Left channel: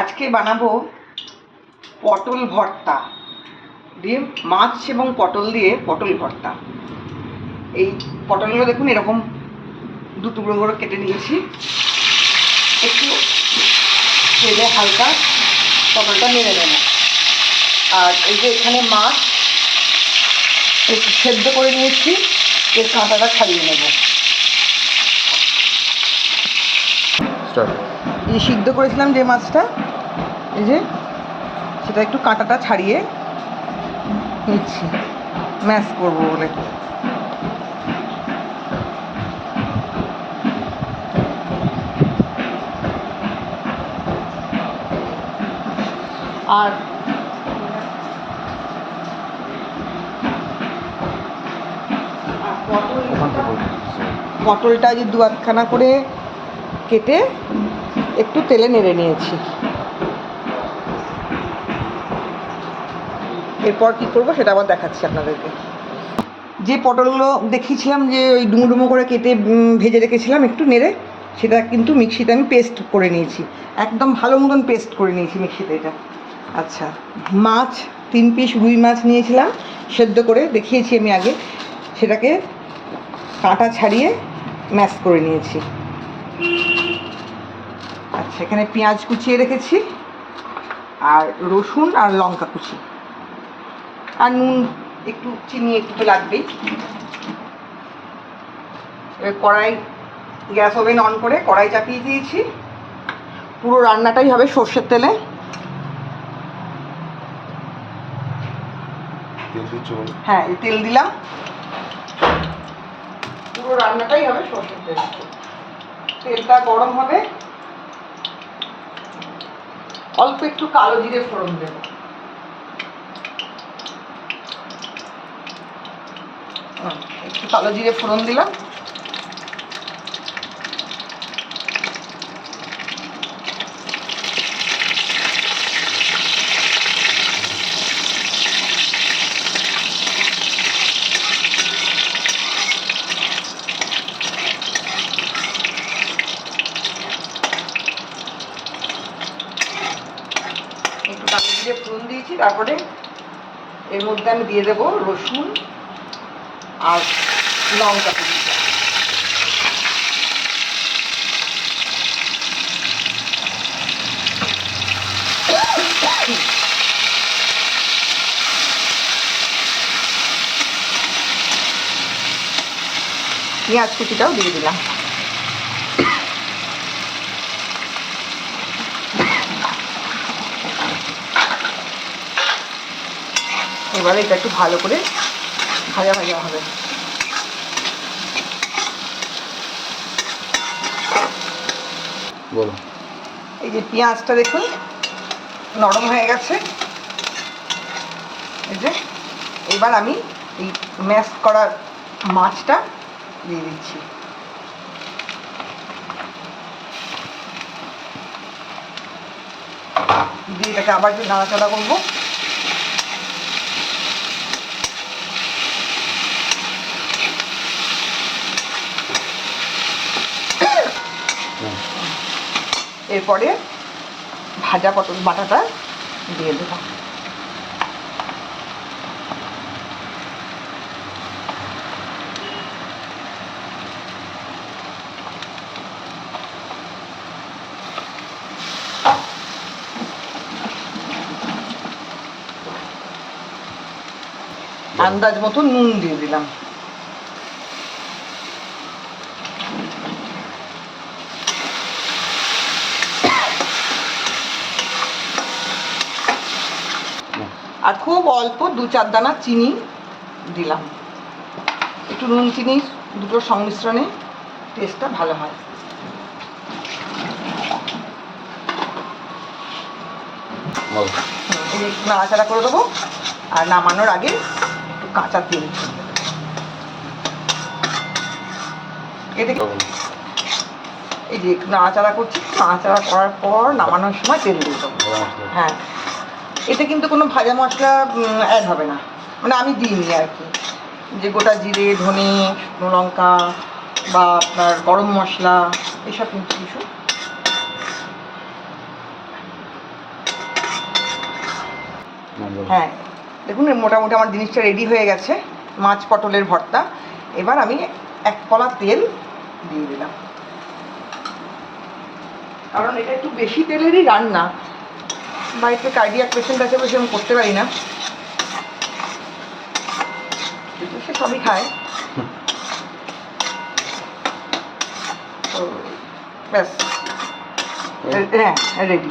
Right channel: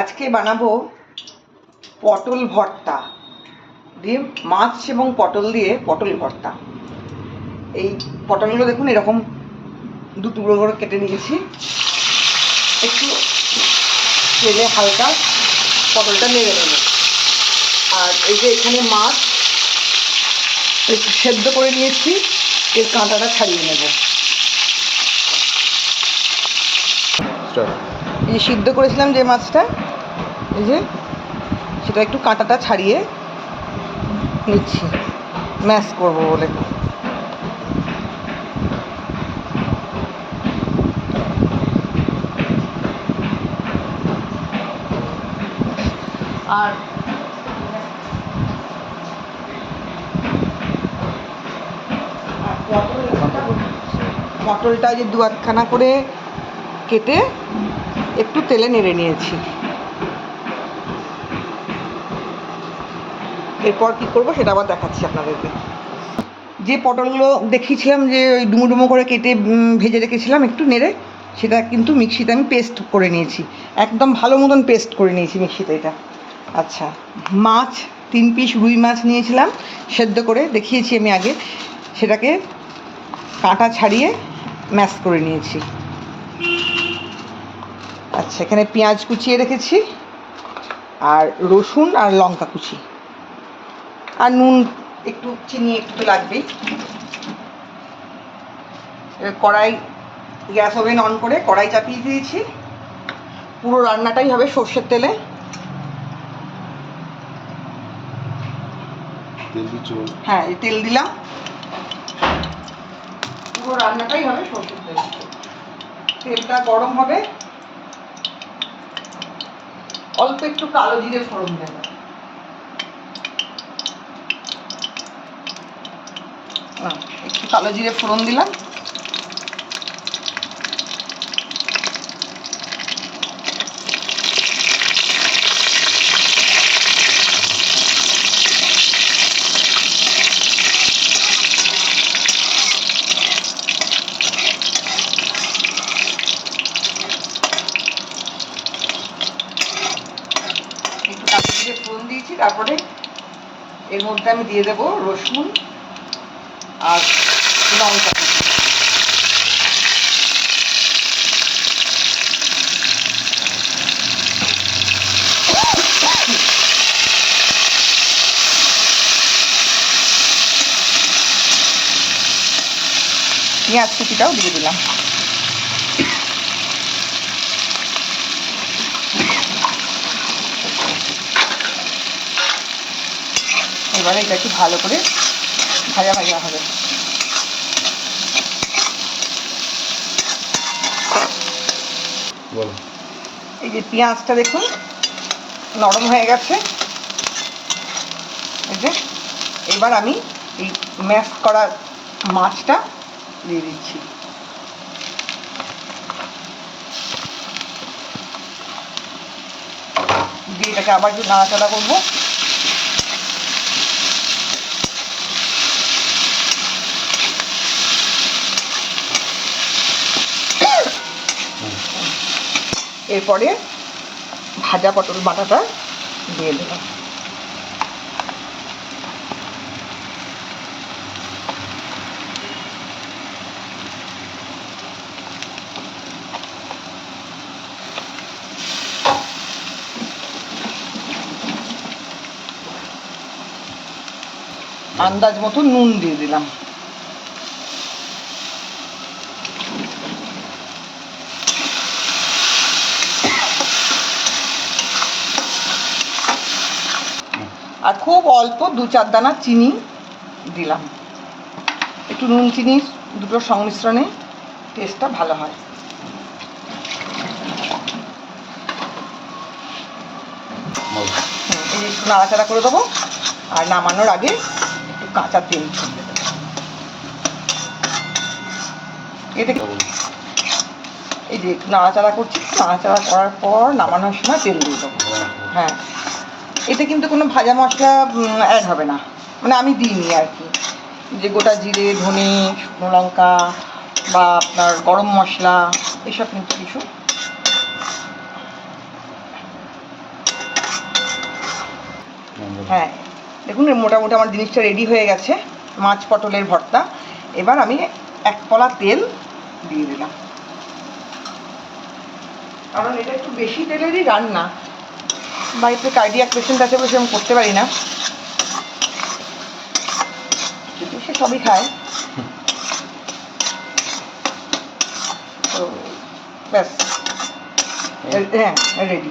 আজকে বানাবো পটল ভর্তা দিয়ে, মাছ এবং পটল দিয়ে পটল ভর্তা। এই পটলগুলো দেখুন এরকম দু টুকরো করে কেটে নিয়েছি। একটু তেলে হালকা পটলটা নেড়ে নেব। আর এই যে এখানে মাছ একটু সেদ্ধ করে নিয়েছি, এর কাঁটাটা ছাড়িয়ে নেব। এই সিদ্ধ করেছিলাম যে মাছটা, এই যে সেটা একটু কাঁটাটা ছাড়িয়ে নিচ্ছি ম্যাশ করব বলে। আর পটলটা যে দু আধখানা করে কেটে একটু তেলে নেড়ে নিয়েছি। এরপর কি করব সেটা আবার দেখাচ্ছি আপনাদেরকে। যে পটলগুলো দেখিয়েছিলাম যে ওই ডুমো ডুমো করে কেটে ভেজে রেখেছিলাম একটু নেড়ে, সেটা কিন্তু মিক্সিতে আমি পেস্ট করে নিয়েছি, একদম ভালো মতন পেস্ট করে নিয়েছি মিক্সিতে এটা। আচ্ছা, মাছ 3 পিস রুই মাছ নিয়েছিলাম, সেদ্ধ করে দেখিয়েছি আমি আগে, সেটাকে কাঁটা ছাড়িয়ে ম্যাশ করে নিয়েছি। আচ্ছা, এখানে পেঁয়াজ কুচিয়ে রেখেছি, আর রসুন আর লঙ্কা কুচি, আর নুন একটু, চিনি একটু তো লাগবেই। কড়াই, গ্যাস ওভেন অন করে কড়াই চাপিয়ে দিয়েছি। পুরো রান্নাটাই হবে সর্ষের তেলে। হ্যাঁ, তেল দিলাম। পুরো রান্নাটাই হবে সর্ষের তেলে। তেলটা গরম হবে, অল্প একটু কালো জিরে ফোড়ন দেব। একটু কালো জিরে ফোড়ন দিলাম। একটু কালো জিরে ফোড়ন দিয়েছি, তারপরে এর মধ্যে আমি দিয়ে দেবো রসুন আর লঙ্কা কুচি। পেঁয়াজ কুচিটাও দিয়ে দিলাম। এবারে এটা একটু ভালো করে ভাজা ভাজা হবে। এই যে পেঁয়াজটা দেখুন নরম হয়ে গেছে। এই যে এবার আমি এই ম্যাশ করা মাছটা দিয়ে দিচ্ছি। দিয়ে এটাকে আবার একটু নাড়াচাড়া করবো। এরপরে ভাজা পটল বাটাটা দিয়ে দেবো। আন্দাজ মতো নুন দিয়ে দিলাম। আর খুব অল্প 2-4 দানা চিনি দিলাম। একটু নুন চিনি দুটোর সংমিশ্রণে টেস্টটা ভালো হয়। একটু নাড়াচাড়া করে দেবো, আর নামানোর আগে একটু কাঁচা তেল ছড়িয়ে দেবো। এটা এই যে একটু নাড়াচাড়া করছি, নাড়াচাড়া করার পর নামানোর সময় তেল দিয়ে দেবো। হ্যাঁ, এতে কিন্তু কোনো ভাজা মশলা অ্যাড হবে না, মানে আমি দিইনি আর কি। যে গোটা জিরে, ধনে, শুকনো লঙ্কা বা আপনার গরম মশলা এসব কিন্তু কিছু হ্যাঁ দেখুন মোটামুটি আমার জিনিসটা রেডি হয়ে গেছে, মাছ পটলের ভর্তা। এবার আমি 1 কলা তেল দিয়ে দিলাম, কারণ এটা একটু বেশি তেলেরই রান্না। বাড়িতে কার্ডিয়াক পেশেন্ট আছে বসে আমি করতে পারি না, সে সবই খায়। তো ব্যাস, হ্যাঁ রেডি।